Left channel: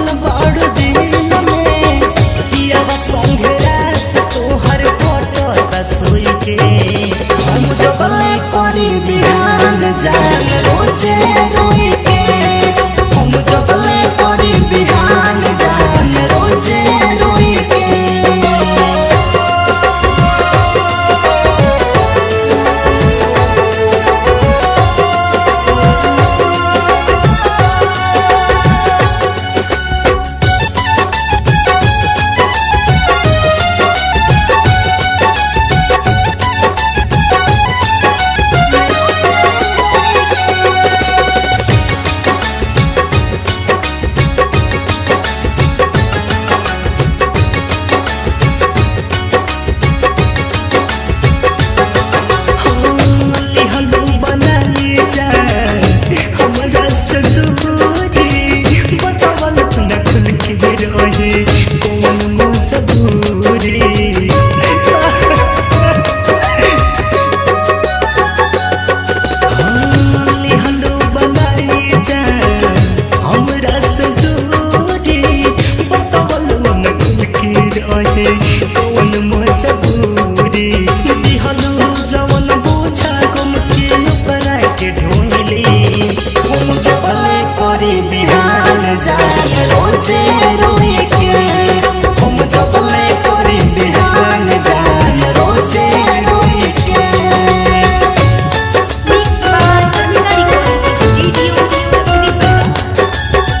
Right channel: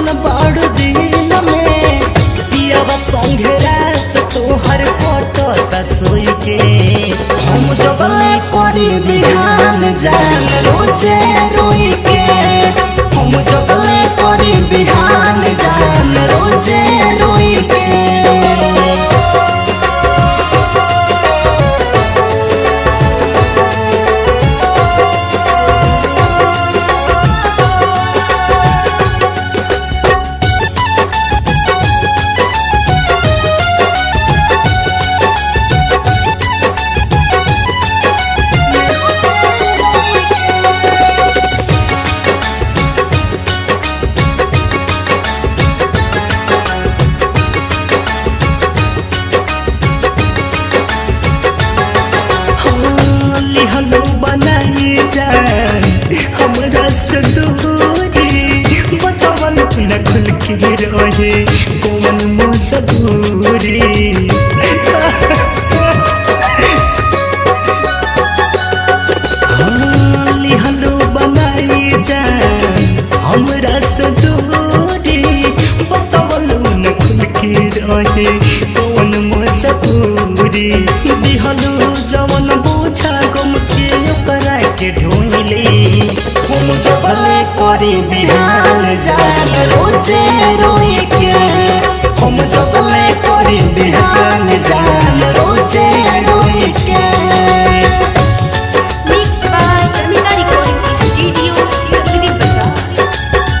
बसल बाड़ दिल में पियावा संगे रात तोहर कटता सोई के हम जगले करी बिहान जान रोजे रोई के हम जगले करी बिहान जान रोजे रोई के हमरा से दूरी बतावल न खुल के रहे कौन मजबूरी लिहलो बनाई जान हमरा से दूरी बतावल न खुल के रहे कौन मजबूरी दिहलो जवन बोझा गम के ओकरा के ढोइले हम जगले करी बिहान जान रोजे रोई के हम जगले करी बिहान जान रोजे रोई के Mixed by Ramita Recording Studio, Chakri Bazaar.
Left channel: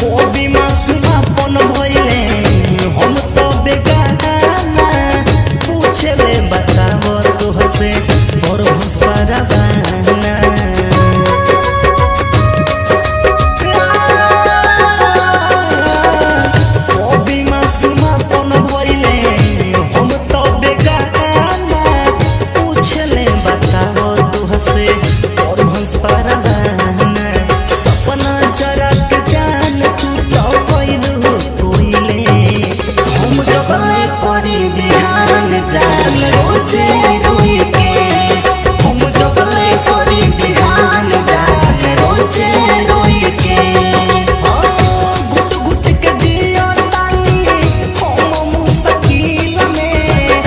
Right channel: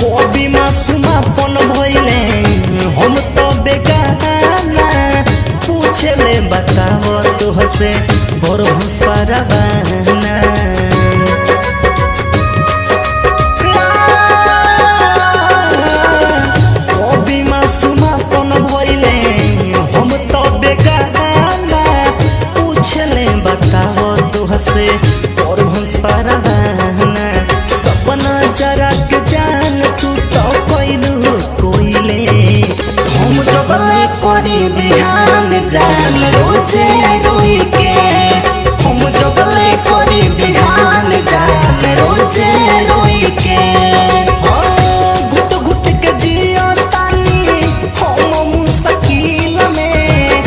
कभी मासूमापन भइले हम तो बेगाना पूछे ले बताव तो हसे पर भंसपारा बहाना कभी मासूमापन भइले हम तो बेगाना पूछे ले बताव तो हसे पर भंसपारा बहाना सपना जरा के जान तू तो कोइलू कोइले हम जगले करी बिहान जान रोजे रोई के हम जगले करी बिहान जान रोजे रोई के घुट घुट के जियो तानी हम मुश्किल में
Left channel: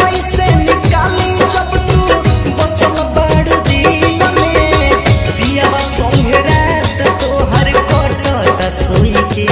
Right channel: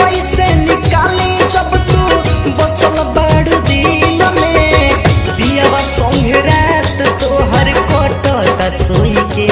पैसे निकाली जब तू बसल बाड़ू दिल में पियावा संगे रात तोहर कटता सोई के